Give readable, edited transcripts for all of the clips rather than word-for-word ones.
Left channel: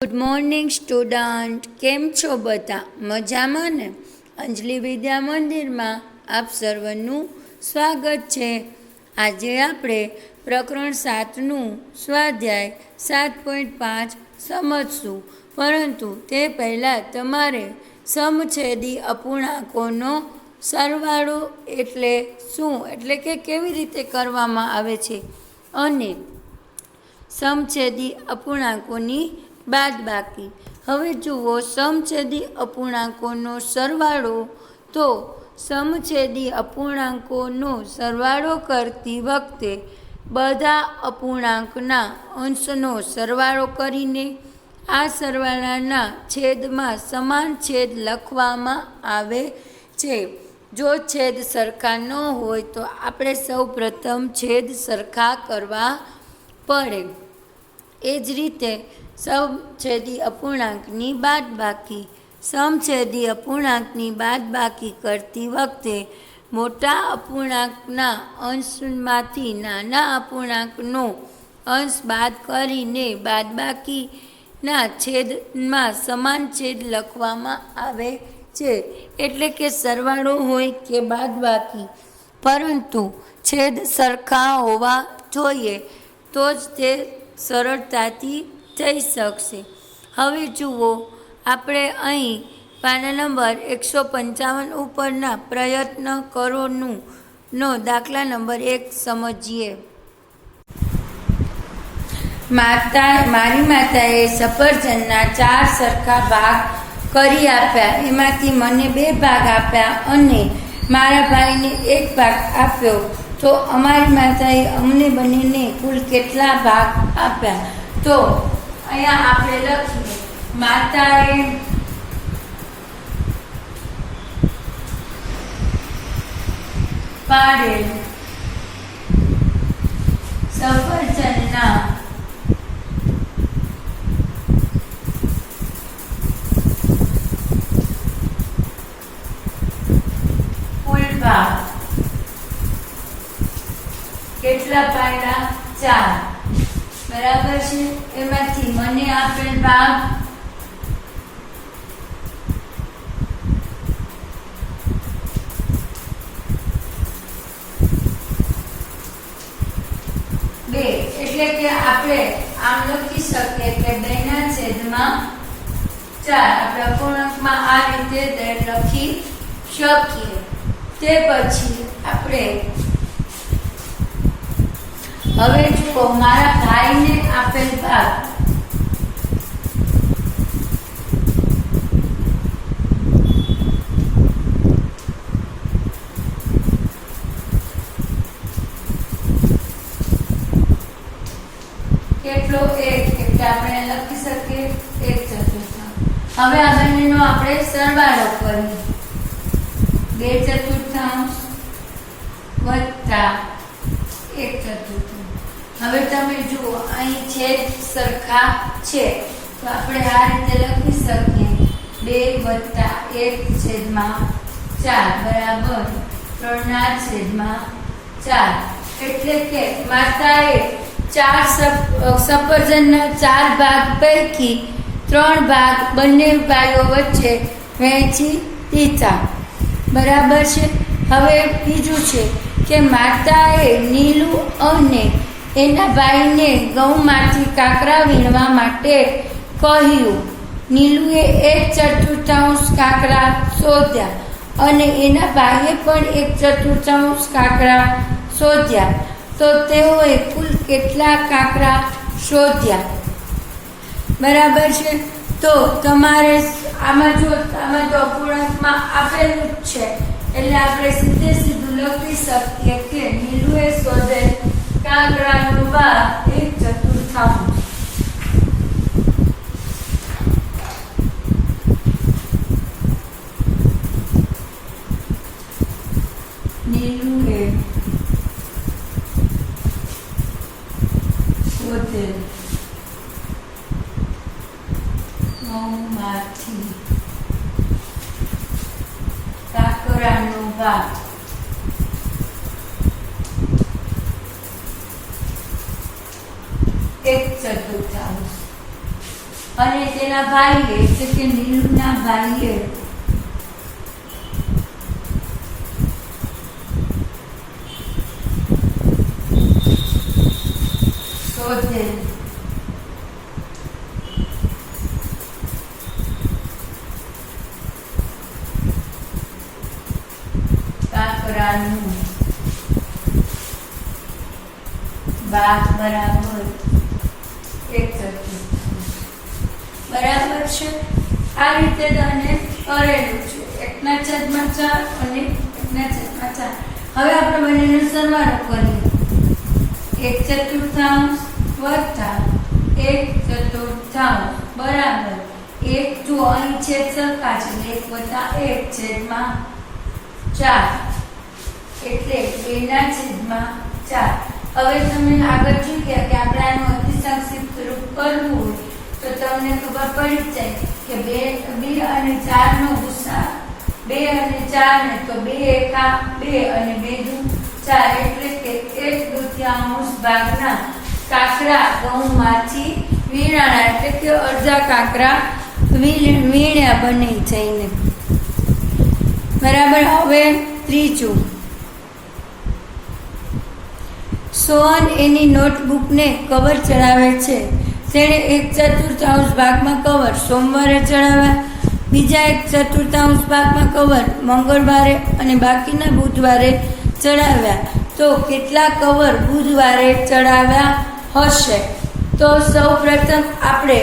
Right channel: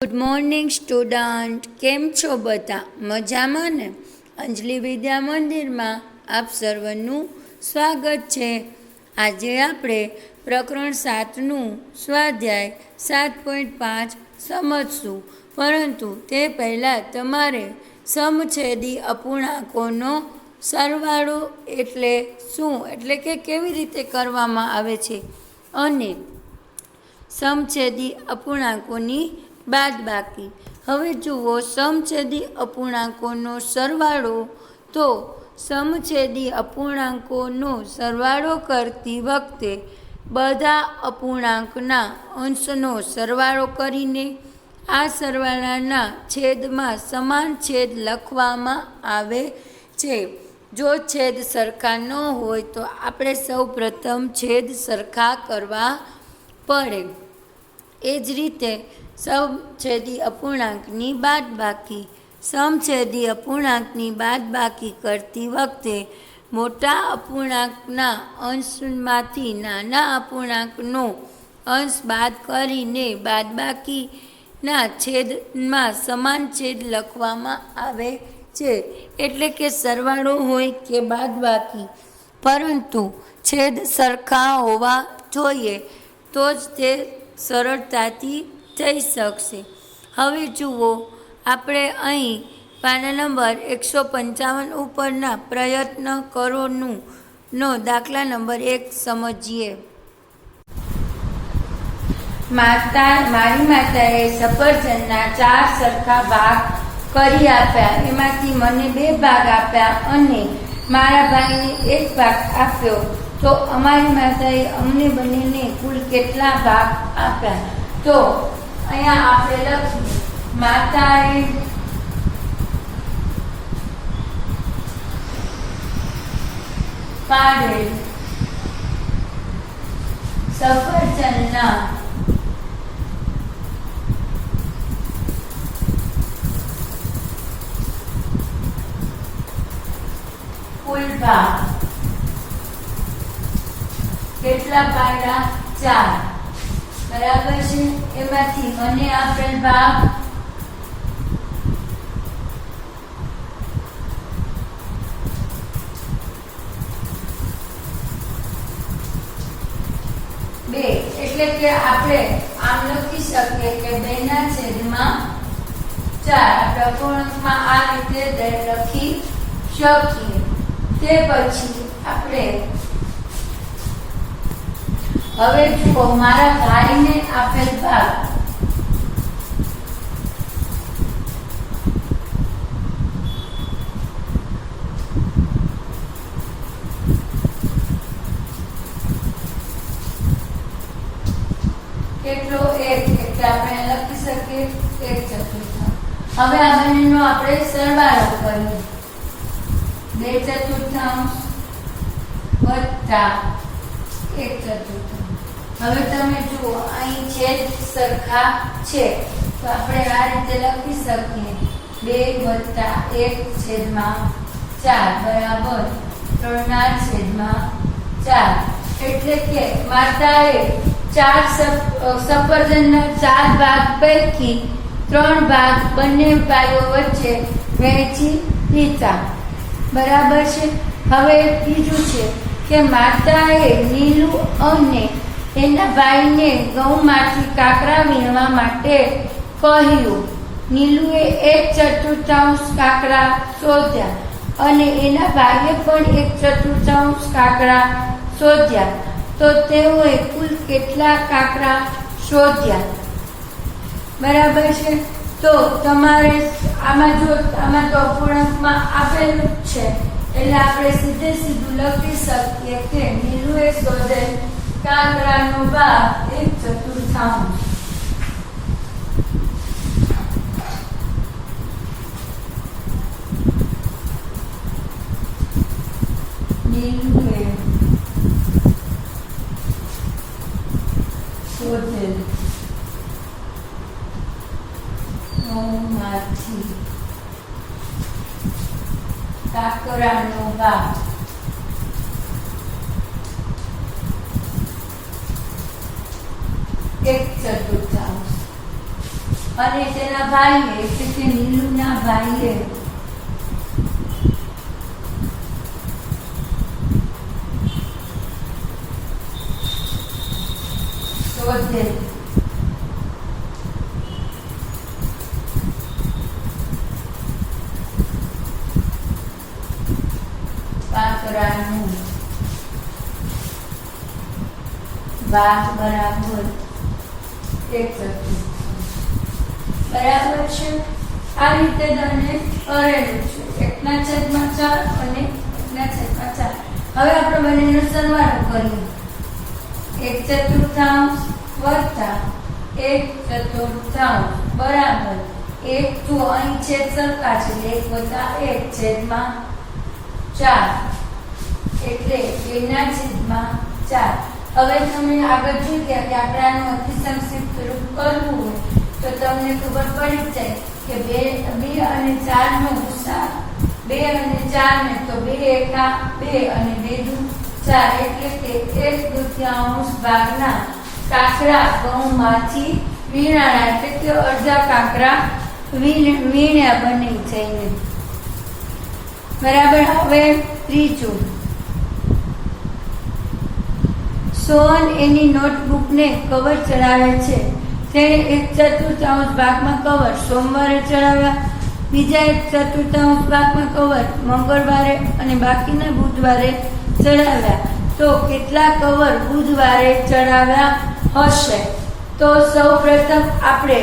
Good morning student, કેમ છો બધા? મજામાં ને? અંજલિ વિદ્યા મંદિરમાં આપ સર્વનું સ્વાગત છે. આજે આપણે પ્રકરણ 7નું સ્વાધ્યાય 7.5 સમજશું, પરંતુ તે પહેલાં તમારે સમછેદી અપૂર્ણાંકોનો સરવાળો એટલે શું, એટલે કે કેવી રીતે કરવામાં આવે છે, અને સમછેદી અપૂર્ણાંકોની બાદબાકી. હવે જુઓ, સમછેદી અપૂર્ણાંકોનો સરવાળો. તો સમછેદી અપૂર્ણાંકોનો સરવાળો કરતી વખતે બધા અપૂર્ણાંકના અંશનો સરવાળો કરીને આ સરવાળાના છેદમાં સમાન છેદ લખવામાં આવે છે. જો છેદ સરખા ન હોય તો આપણે સૌ પ્રથમ છેદ સરખા કરવા પડે. એ જ રીતે સમછેદી અપૂર્ણાંકની બાદબાકી. સમછેદી અપૂર્ણાંકની બાદબાકી કરતી વખતે મોટા અપૂર્ણાંકના અંશમાંથી નાના અપૂર્ણાંકનો અંશ બાદ કરીને બાદબાકીના છેદમાં સમાન છેદ લખવામાં આવે છે. એટલે કે સરવાળો હોય કે બાદબાકી, પરંતુ છેદ સરખા હોવા જોઈએ, તો જ તે સરળતાથી થઈ શકશે. હવે જુઓ, આપણે અહીં પાના નંબર 155 ઉપરના પ્રયત્ન કરોનો દાખલા નંબર 1 સમજીએ. મારી માતાએ સફરજનના 4 સરખા ભાગ કરી આપ્યા. એમાંથી મને 2 ભાગ આપ્યા અને મારા ભાઈને 1 ભાગ આપ્યો. તો અમારી માતાએ અમને બંનેને કુલ કેટલા ભાગ આપ્યા? તો અહીંયા આપણે લખીએ, માતાએ પાડેલ સફરજનના કુલ ભાગ કેટલા પાડ્યા? 4. બરાબર છે. એમાંથી મને આપેલ ભાગ 2. એટલે કે આપણે આમ લખી શકીએ કે 2/4. આપણે અપૂર્ણાંકમાં આ રીતે લખી શકીએ. તે પછી આપણે હવે જુઓ, મારા ભાઈને આપેલ ભાગ કેટલો? 1. એટલે આપણે લખી શકીએ 1/4. હવે આ બંનેનો આપણે સરવાળો કરીએ. 2/4 વત્તા 1/4. હવે તમે જુઓ, અહીં છેદ સરખા છે, તો આપણે આ રીતે લખી શકીએ 2+1/4 બરાબર 3/4. એટલે કે માતાએ 4 સફરજનના 4 ભાગ પૈકી 3 ભાગ બંને ભાઈઓ વચ્ચે વહેંચી દીધા. બરાબર છે. હવે બીજું છે કે માતાએ નીલુ અને એના ભાઈને ઘઉંમાંથી કાકરા વીણવા માટે કહ્યું. નીલુએ 1/4 કાકરા શોધ્યા અને એના ભાઈએ પણ 1/4 કાકરા શોધ્યા. તો તેઓએ કુલ કેટલા કાકરા શોધ્યા? બરાબર છે. તો તમારે આમાં તો અપૂર્ણાંકમાં આપેલું જ છે, એટલે આપણે સીધું લખી શકીએ કે નીલુએ શોધેલ કાકરાનો ભાગ 1/4. નીલુએ શોધેલ ઘઉંમાંથી કાકરાનો ભાગ 1/4. અને તેના ભાઈએ એટલે કે નીલુના ભાઈએ શોધેલ કાંકરાનું ભાગ બરાબર 1/4 બરાબર છે. આ રીતે તમને કરેલું છે 1/4 અને 1/4. હવે આપણે બંનેનો સરવાળો કરીએ. 1/4 વત્તા 1/4 બરાબર 1 જો અહીં છેદ સરખા છે એટલે 1 + 1/4 એટલે 2/4. હવે તમે આગળ જોઈ ગયા કે આપણે આનું અતિ સંક્ષિપ્ત રૂપ કરવું હોય તો તમને ખબર પડી જાય કે 2 અને 4 નો ગુસા 2 અને 4 ને તો 2 એકા 2 અને 2 દુ 4 એટલે કે 1/2 ભાગના કાંકરા ઘઉંમાંથી વીણાણા એટલે કે અડધા કાંકરા વીણ્યા બની જઈને. બરાબર. હવે ત્રીજું, સોહન એની નોટબુકને કવર ચડાવે છે. તેણે 1/4 ભાગમાં કવર સોમવારે ચડાવ્યા, બીજા 1/4 ભાગમાં કવર મંગળવારે અને બાકીના બુધવારે ચડાવ્યા. તો કેટલા કવર બુધવારે ચડાવ્યા હશે? તો સૌપ્રથમ આપણે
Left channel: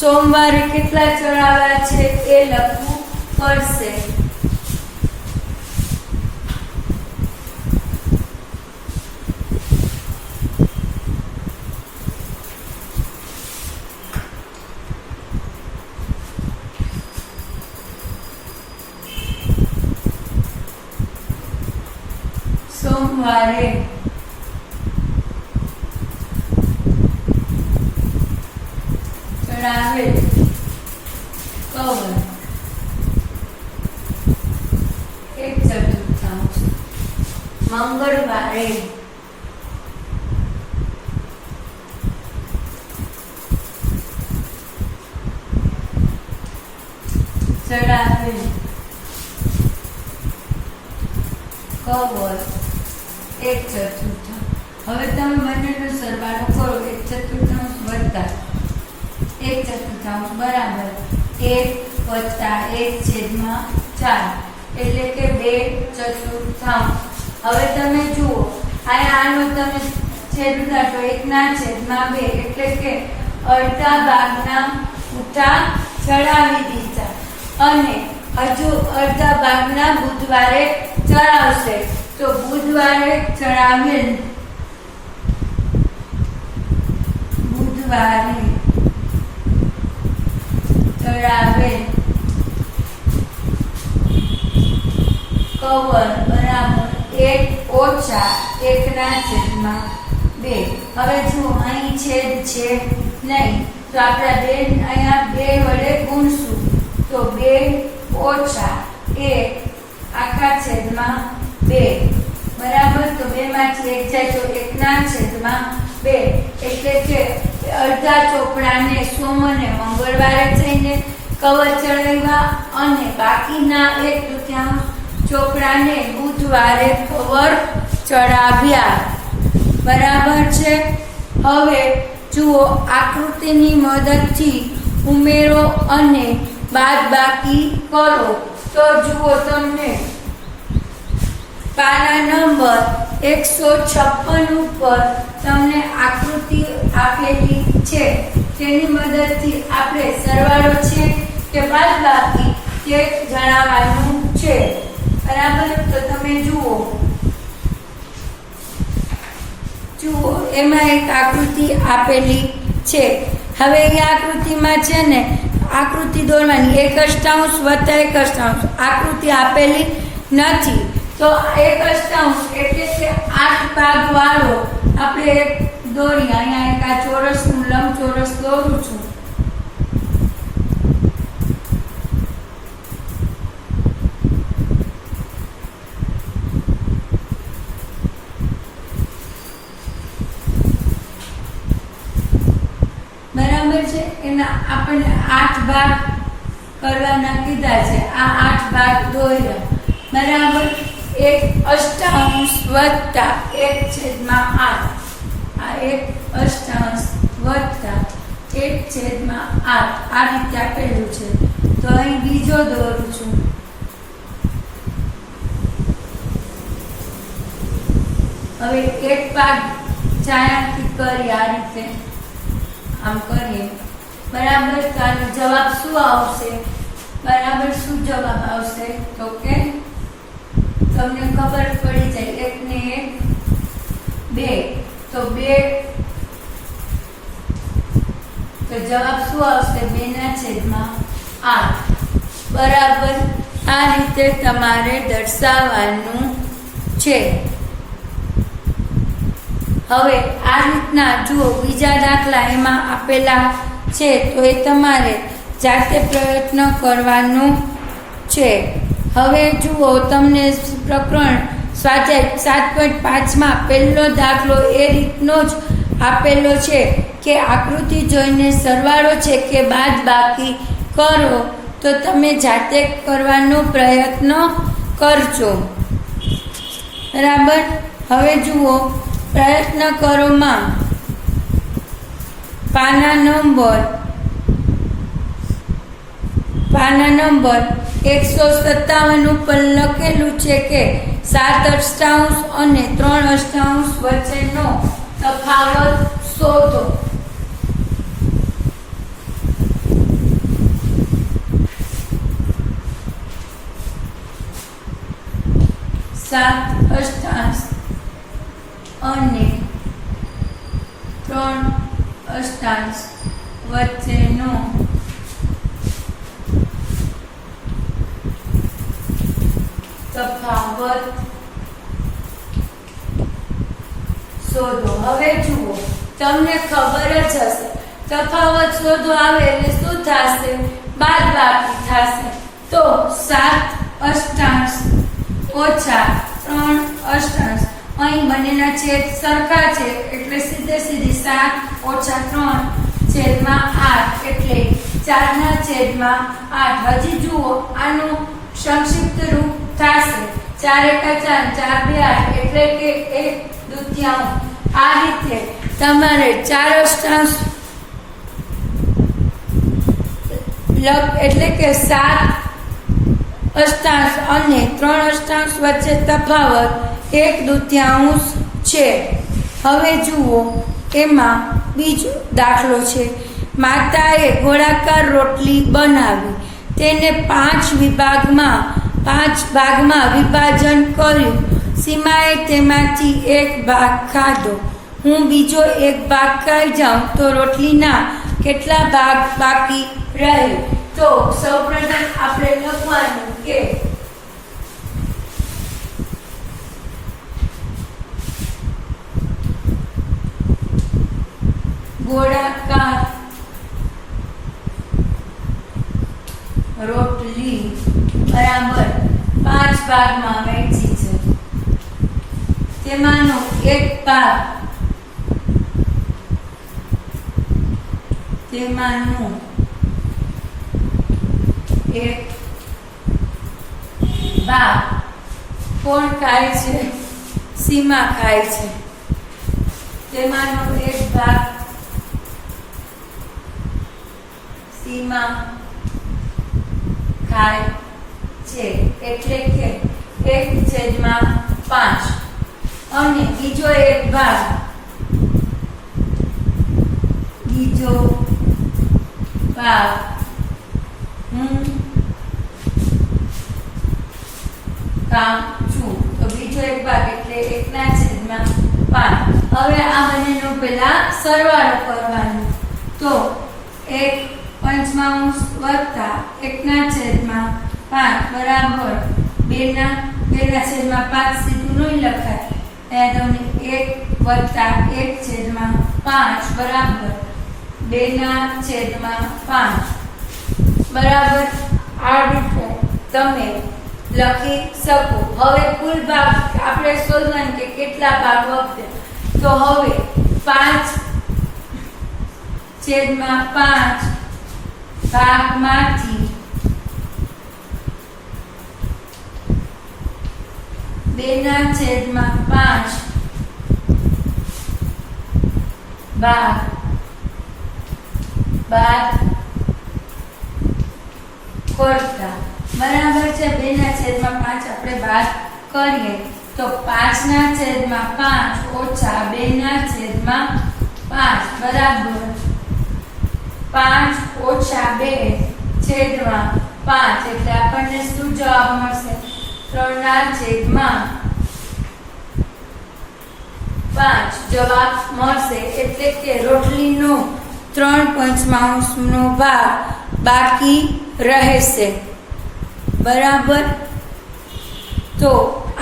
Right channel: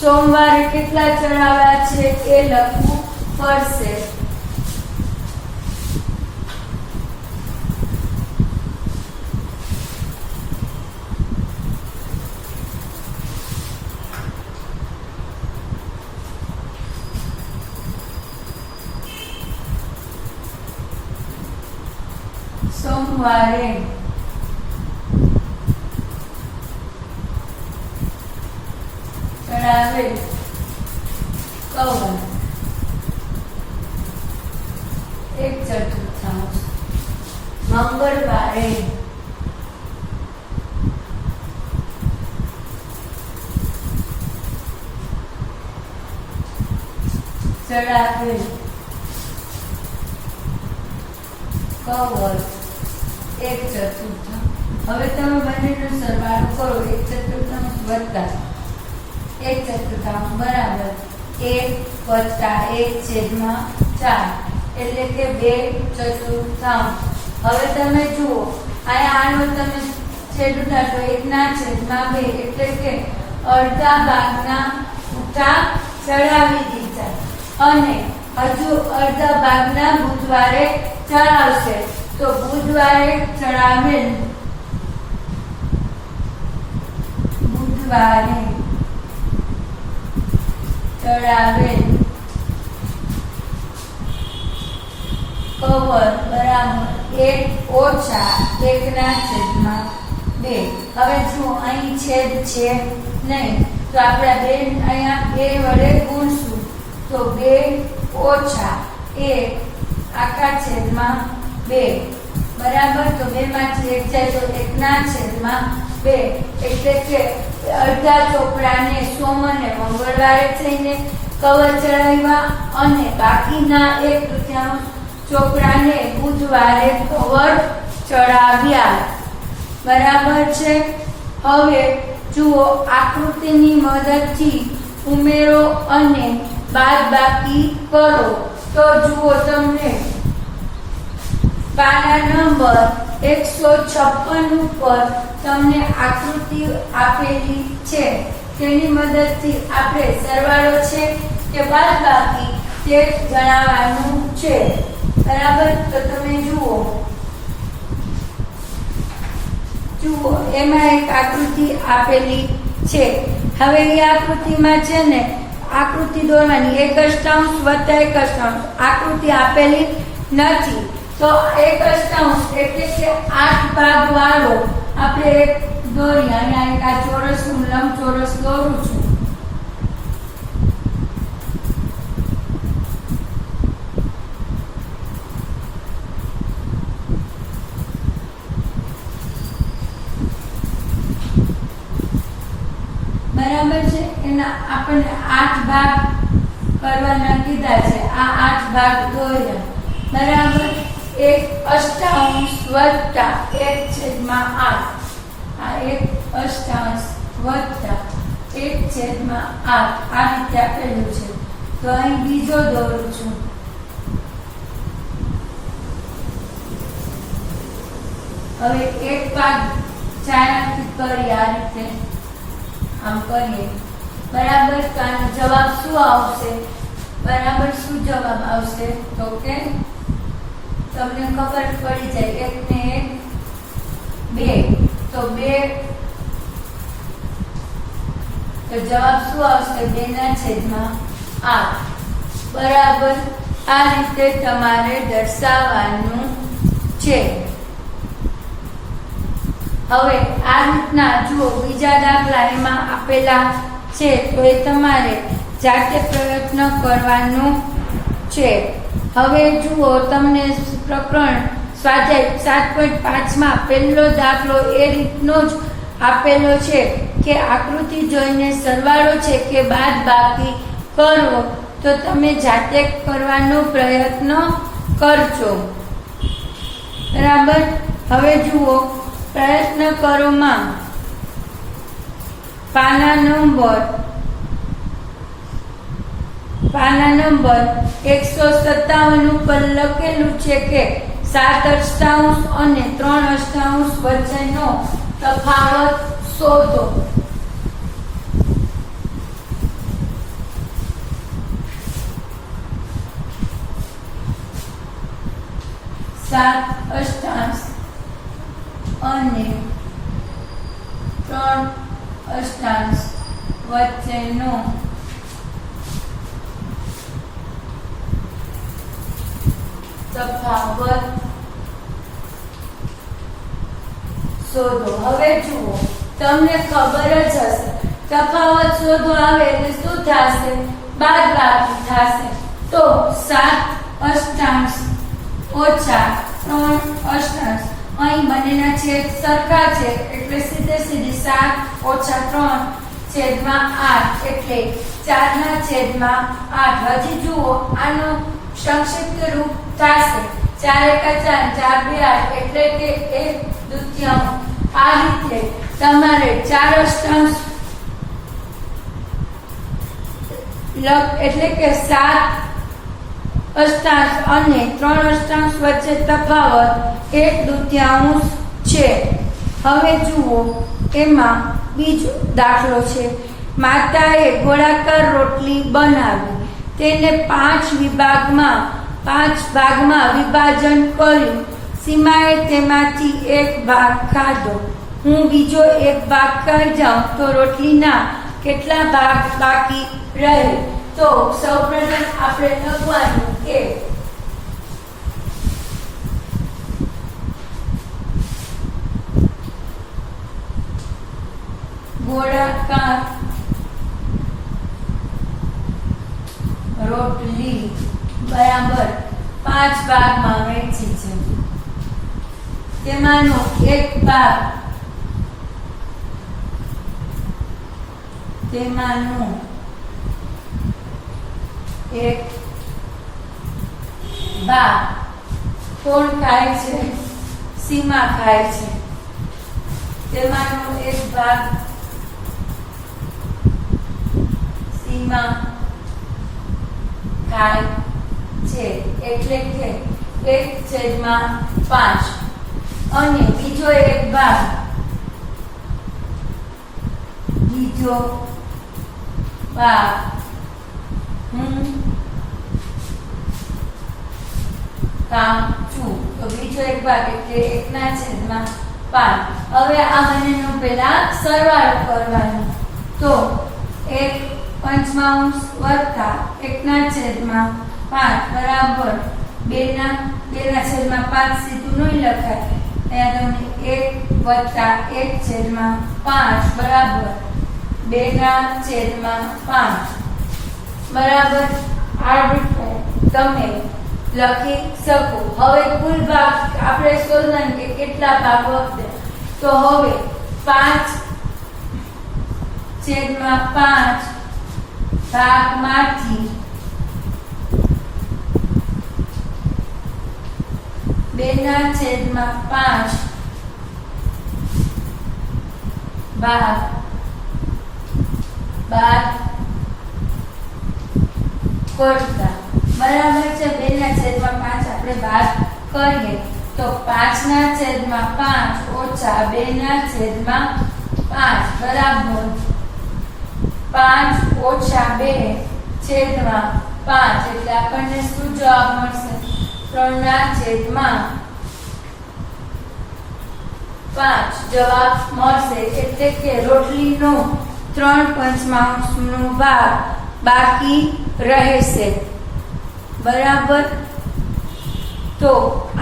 સોમવારે કેટલા ચડાવ્યા છે એ લખવું પડશે. સોમવારે ચડાવે કવર 1/4. મંગળવારે ચડાવે કવર 1/4. હવે તમે બંનેનો સરવાળો કરો. 1/4 વત્તા 1/4 બરાબર 1 વત્તા 1/4 એટલે કે 2/4. હવે તમે જુઓ આનું તમે છેદ ઉડાડો 1/2 એટલે કે અડધા ભાગના ઉઠા ચડાવી દીધા અને હજુ અડધા ભાગના બુધવારે ચડાવશે. તો બુધવારે ચડાવેલ કવર બરાબર 1 ઓછા 1/2. હવે જુઓ અહીં છેદ છે નહીં તો આપણે અહીંયા 2 વડે ગુણશું તો 2 ઓછા 1 આખા છેદમાં 2 બરાબર. તો 2 માંથી 1 જાય તો 1/2 એટલે કે અડધા ચોપડાને સોમ અને મંગળવારે જઈને કવર ચડાવ્યા અને બાકીના 1/4 ચોપડાને બુધવારે કવર ચડાવ્યા. બરાબર છે. હવે જુઓ આકૃતિની મદદથી ઉમેરો અને બાદબાકી કરો. તો જુઓ તમને પાના નંબર 156 ઉપર તમને આકૃતિ આપેલી છે. તેની મદદથી આપણે સરવાળો છે કે બાદબાકી તે જણાવવાનું છે. બરાબર. તો તમે જુઓ એમાં એક આકૃતિ આપેલી છે. હવે એ આકૃતિમાં છે ને આકૃતિ દોરવાની 1/8 વત્તા 1/8 આકૃતિ આપેલી નથી. તો 1/8 એટલે કે 8 ભાગ વાળો આપણે એક દોરી અહીંયા એક આ ચોરસ લંબચોરસ દોરું છું. બરાબર છે. એના આપણે 8 ભાગ કરવાના કીધા છે. આ 8 ભાગ દોર્યા. બરાબર. 1/8 વત્તા 1/8. આ 1/8 વત્તા 1/8 આ રીતે આપેલું છે. તો અહીં બીજો દોરું છું. હવે એક ભાગ ચાયાથી કરી આ રીતે આમ કરીએ. બરાબર. તો આનો જવાબ શું આવશે? બરાબર. શું જવાબ આવશે? તો કે તમને ખબર પડી જાય. 1 ને 1 2. તો 2 તો જવાબ શું આવશે? 2/8. બરાબર. આ રીતે તમારે દર્શાવવાનું છે. હવે આ રીતના જુઓ બીજા દાખલા એમાં આપેલા છે તો એ તમારે જાતે પ્રયત્ન કરવાનો છે. હવે જુઓ તમને પ્રકરણ સ્વાધ્યાય 7.5 માં પહેલો દાખલો એ રીતનો જ આપેલો છે કે આકૃતિ જોઈને સરવાળો છે કે બાદબાકી કરો. તો તમે જાતે કરવાનો પ્રયત્ન કરજો. બરાબર. હવે જુઓ પ્રયત્ન કરો માં પાના નંબર 157 ઉપર લખેલું છે કે 7/8 અને 3/8 વચ્ચેનો તફાવત શોધો. સાત અષ્ટાંશ અને 3/8 વચ્ચેનો તફાવત શોધો. હવે જુઓ તમને ખબર જ હશે તફાવત શોધો આવે એટલે શું થશે? બાદબાકી થશે. તો 7/8 ઓછા 3/8 અહીં બંનેના છેદ સરખા છે એટલે સીધે સીધી 7 ઓછા 3/8 એટલે 4/8. હજી જુઓ આનું સંક્ષિપ્ત રૂપ થશે 4 × 4 4 2 એટલે કે 1/2. આ રીતે તમારે 4/8 એટલે કે 7/8 અને 3/8 વચ્ચે તફાવત 1/2 છે. હવે જુઓ એમાં બીજો દાખલો છે. માતાએ ગોળાકાર રોટલી બનાવી તેને 5 ભાગમાં વિભાજન કર્યું. સીમાએ તેમાંથી 1 ભાગ ખાધો. હું બીજો 1 ભાગ ખાઈ જાઉં તો રોટલીના કેટલા ભાગ બાકી રહે? તો સૌપ્રથમ આપણે લખવાનું કે ગોળાકાર રોટલી બરાબર 5 ભાગમાં વહેંચી છે. તેમાંનો 1 ભાગ કોણ ખાય છે? સીમા ખાય છે. તેમાંનો 1 ભાગ સીમા ખાય છે એટલે કે 1/5 અને બીજો 1 ભાગ હું કામ છું. તો બીજો 1 ભાગ એટલે 1/5. હવે આ બંનેનો પહેલા સરવાળો કરવાનો. તો 1/5 વત્તા 1/5 બરાબર 2/5 સીધું નહીં લખાય. તમને 1 વત્તા 1/5 બરાબર 2/5 બરાબર. આ રીતે તમે લખી શકો. હવે કુલ ભાગ આપણે શોધવાનું કે કેટલા ભાગ વધે. તો હવે 5 છેદમાં 5 ભાગમાંથી 2/5 ભાગ બાદ કરતા બરાબર છે 2/5 આપણે બાદ કરીએ તો 5/5 ઓછા 2/5 બરાબર 5 ઓછા 2 છેદમાં 5 એટલે આપણને શું જવાબ મળશે 3/5 જવાબ મળશે એટલે કે રોટલીનો 3/5 ભાગ બાકી રહેશે બરાબર તો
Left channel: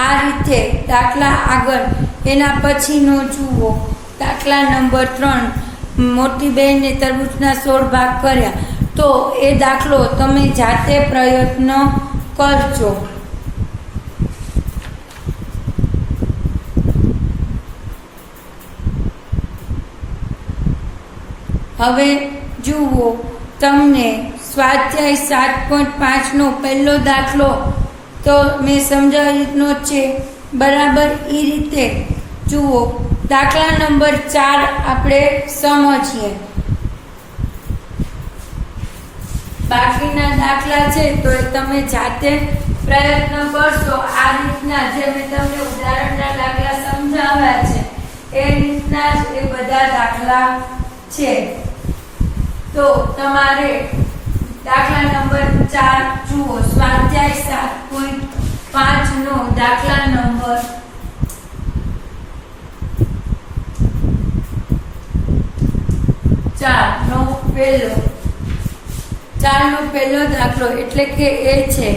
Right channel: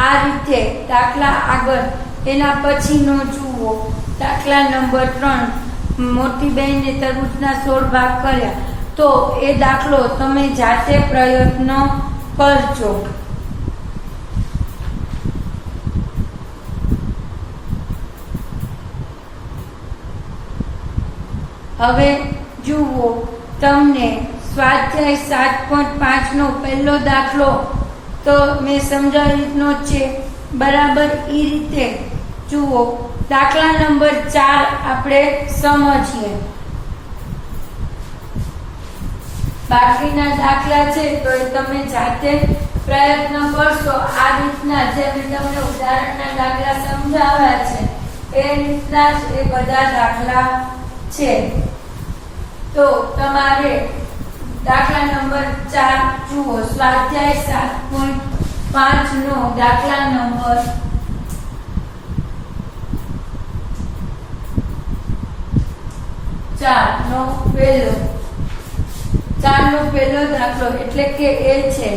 આ રીતે દાખલા આગળ એના પછીનો જુઓ દાખલા નંબર 3 મોટી બહેને તરબૂચના 16 ભાગ કર્યા તો એ દાખલો તમે જાતે પ્રયત્ન કરજો હવે જુઓ તમને સ્વાધ્યાય 7.5 નો પહેલો દાખલો તો મેં સમજાવી રીતનો છે બરાબર એ રીતે જુઓ દાખલા નંબર 4 આપણે સમજીએ બાકીના દાખલા છે તો એ તમે જાતે પ્રયત્ન કરશો આ રીતના જે મેં તમને ઉદાહરણના દાખલા સમજાવ્યા છે એ રીતના જ એ બધા દાખલા છે તો તમારે દાખલા નંબર 4 જુઓ સ્વાધ્યાય 7.5 નો દાખલા નંબર 4 નો પહેલો દાખલો એટલે કે એ છે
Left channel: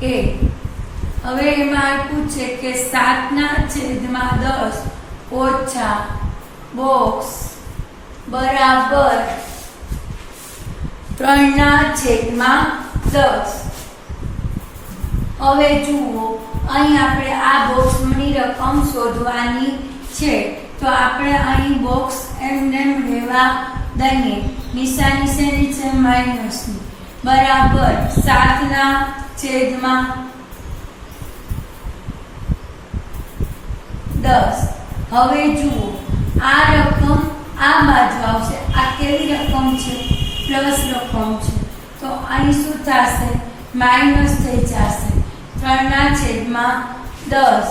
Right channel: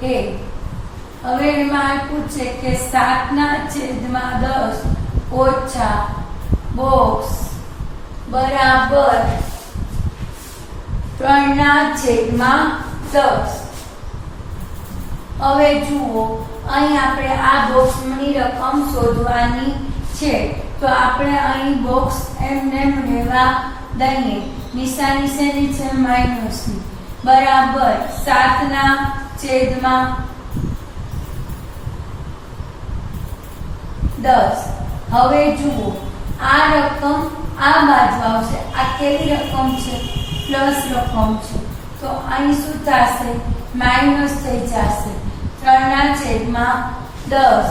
એ હવે એમાં આપ્યું છે કે 7/10 ઓછા બોક્સ બરાબર 3/10 હવે જુઓ અહીં આપણે આ બોક્સની રકમ શોધવાની છે તો આપણે અહીં બોક્સ એમને લેવા દઈએ નિશાની શેની છે માઈનસની બરાબર 7/10 હવે જુઓ આ રકમ આ બાજુ આવશે આ કેવી રકમ છે પ્લસ રકમ છે તો અહીં શું થશે માઈનસ થઈ જશે 3/10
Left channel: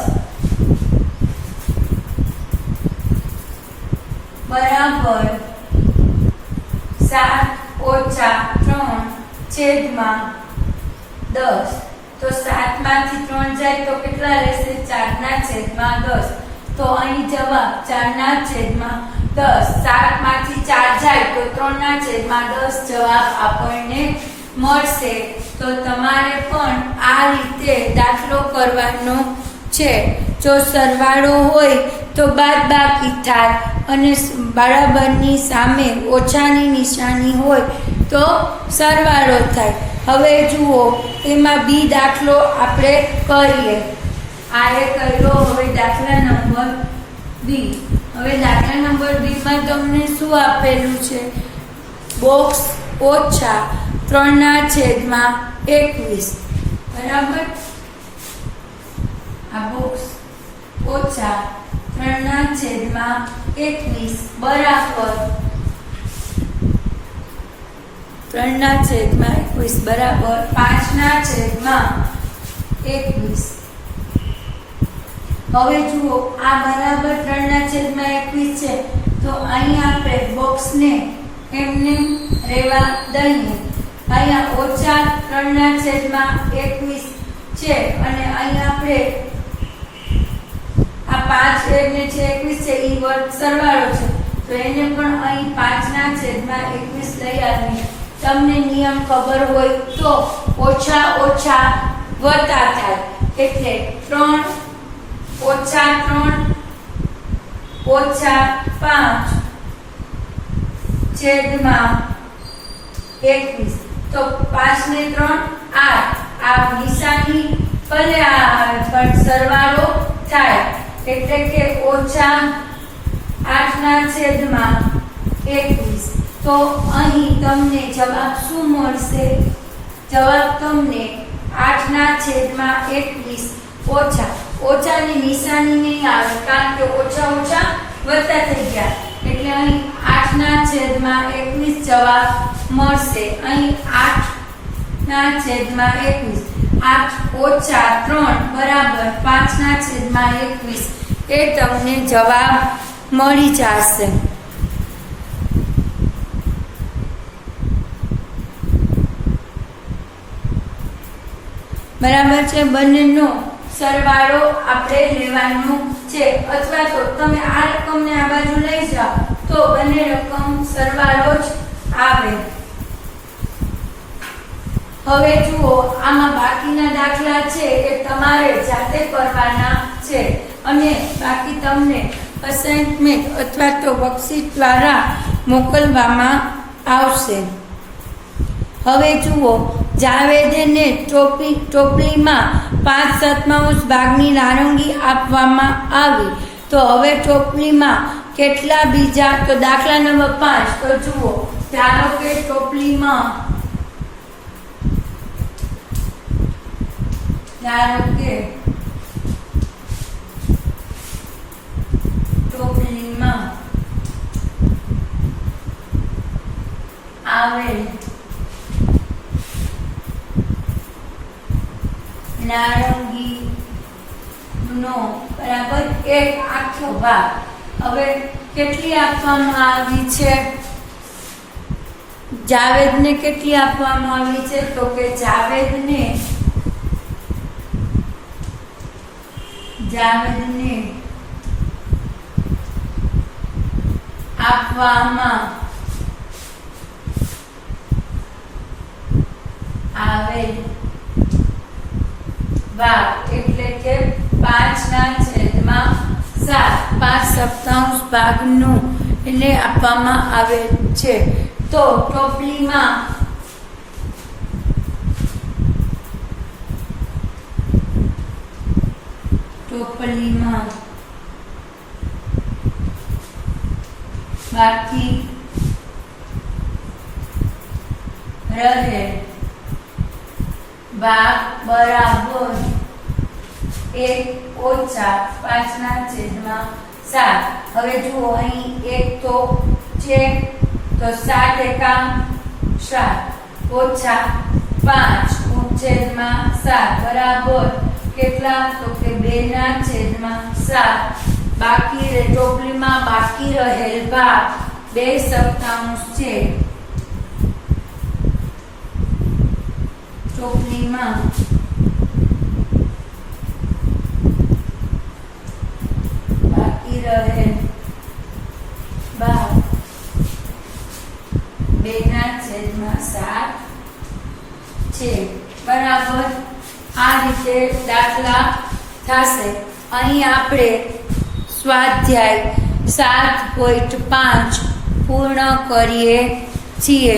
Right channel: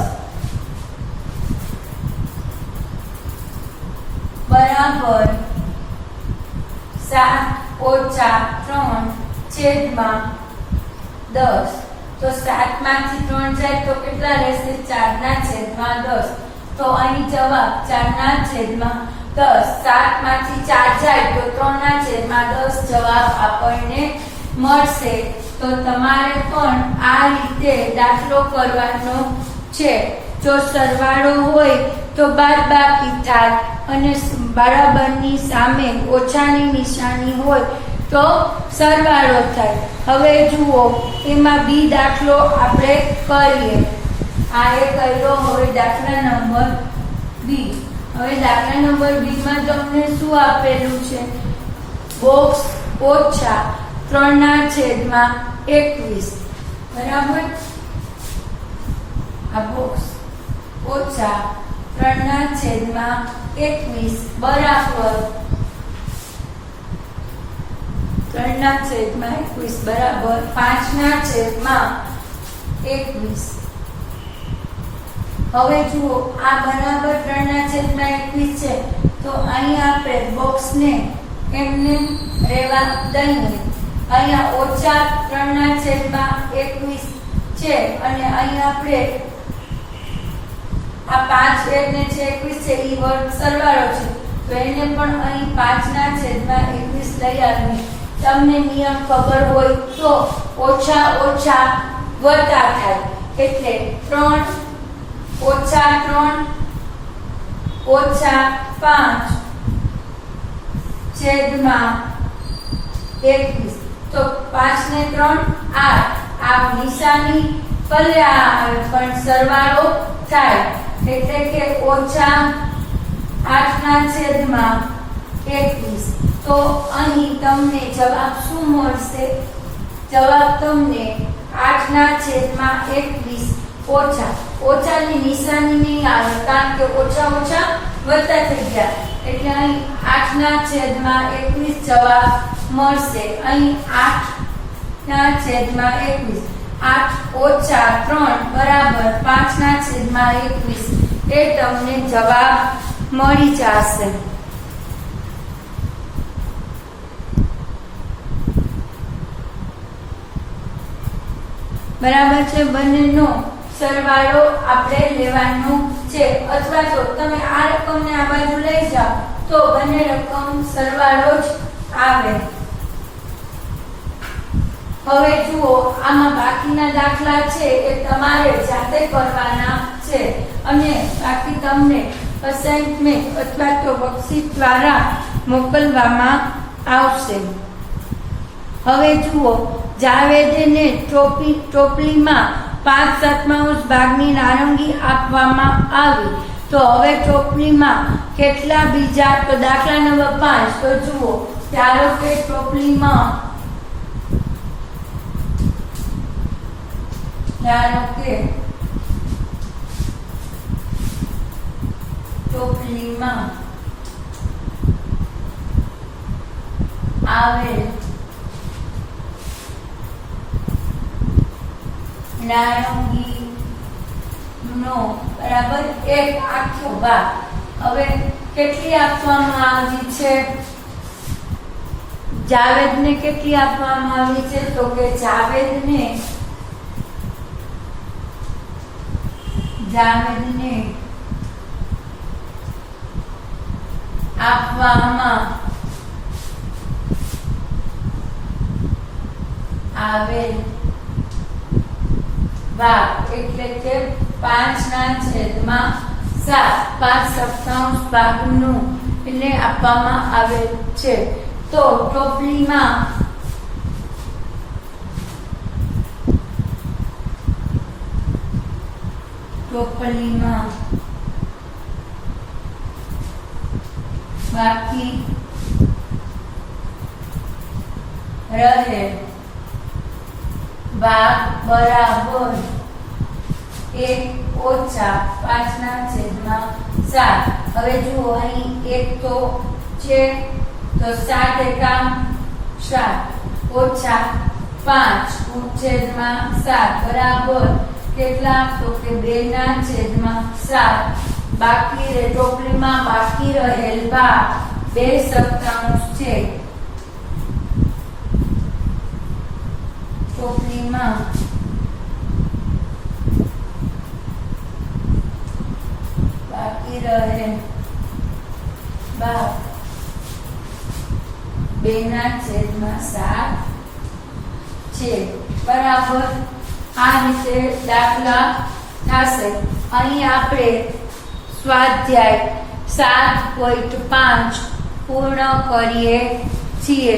બરાબર 7 ઓછા 3/10 તો 7 માંથી 3 જાય તો કેટલા રહેશે 4/10 તો અહીં જવાબ 4/10 7 માંથી 4 જાય તો 3/10 જવાબ આપણને મળશે તો તમારે પણ આ રીતે દાખલો કરવાનો છે જો સરવાળો હોય તો બાદબાકી થાય અને બરાબરની સામે ઓછાની નિશાની હોય તો સરવાળો થાય હવે જુઓ એમાં બી દાખલો આપણે કરીએ આ એ કર્યો હવે દાખલા નંબર બી હવે દાખલા નંબર બી માં તમને શું આપેલું છે બોક્સ ઓછા 3/21 બરાબર આ બોક્સ ઓછા 3/21 બરાબર 3/21 બરાબર 5/21 હવે જુઓ આ બરાબર 3/21 છે તો અહીં આપણે બોક્સને એમને રહેવા દઈએ અહીંયા ઓછા 3/21 છે અને અહીં આપણે આ 5 ને જે 21 છે એ વર્ગ સરવાળો છે તો એને પણ અહીં 5/21 લઈ આવીએ તમને નિયમ ખબર હોય તો ઓછા ઓછા વત્તા થાય એટલે 3 ઓછા 3 ઓછા 5 છેદમાં 21 તો 5 ને 3 8 આ નિશાની ભલે આવે પણ સરવાળો થાય એટલે કે ઓછા 8 8/21. તો અહીં તમને જવાબ શું મળશે? જવાબ તમને 8/21 ઓછા ઓછાની નિશાની નહીં આવે કારણ કે ઓછા ઓછા વત્તા થઈ ગયા એટલે અહીં 8/21 જવાબ મળશે. અહીં 8/21 8 ઓછા 3 બરાબર 5/21 એ તમને જવાબ મળી જશે. બરાબર છે. બંનેનો સરવાળો આપણે લેવાનો છે અથવા તો તમે આ રકમને આ બાજુ લઈ જાઓ તો બંને રકમ સરવાળો જ આવે. હવે જુઓ આમાં બાકીના દાખલા છે એ તમારે જાતે કરવાના છે અને બાકી તમને અસાઇનમેન્ટ અથવા તો વર્કશીટ દ્વારા મોકલવામાં આવશે. હવે જુઓ જાવેદને ટોપલીમાં 5/7 ભાગની નારંગી આપવામાં આવી. તો હવે ટોપલીમાં કેટલા બીજા? તો દાખલા નંબર 5 તો જુઓ ધારો કે ટોપલીમાં આવેલ નારંગી નો બરાબર એક આખો ભાગ હવે કેટલી આપવામાં આવી છે? જાવેદને કેટલી આપવામાં આવી છે? તો કે જાવેદને આપવામાં આવેલ ભાગ એટલે કે 5/7 5/7 ભાગનું એને આપવામાં આવે છે. તો ટોપલીમાં બાકી રહે ભાગ બરાબર 1 ઓછા 5/7. હવે જુઓ અહીં 1 તો છે તો 7 એકા 7 ઓછા 5/7 બરાબર કેટલા? તો કે 2/7. બાકી ટોપલીમાં બાકી રહેલ ભાગ 2/7 છે. ટોપલીમાં બાકી રહે ભાગ 2/7 છે. બરાબર આ રીતે દાખલા થશે. અહીં આપણે સ્વાધ્યાય 7.5 પૂર્ણ કરીએ છીએ.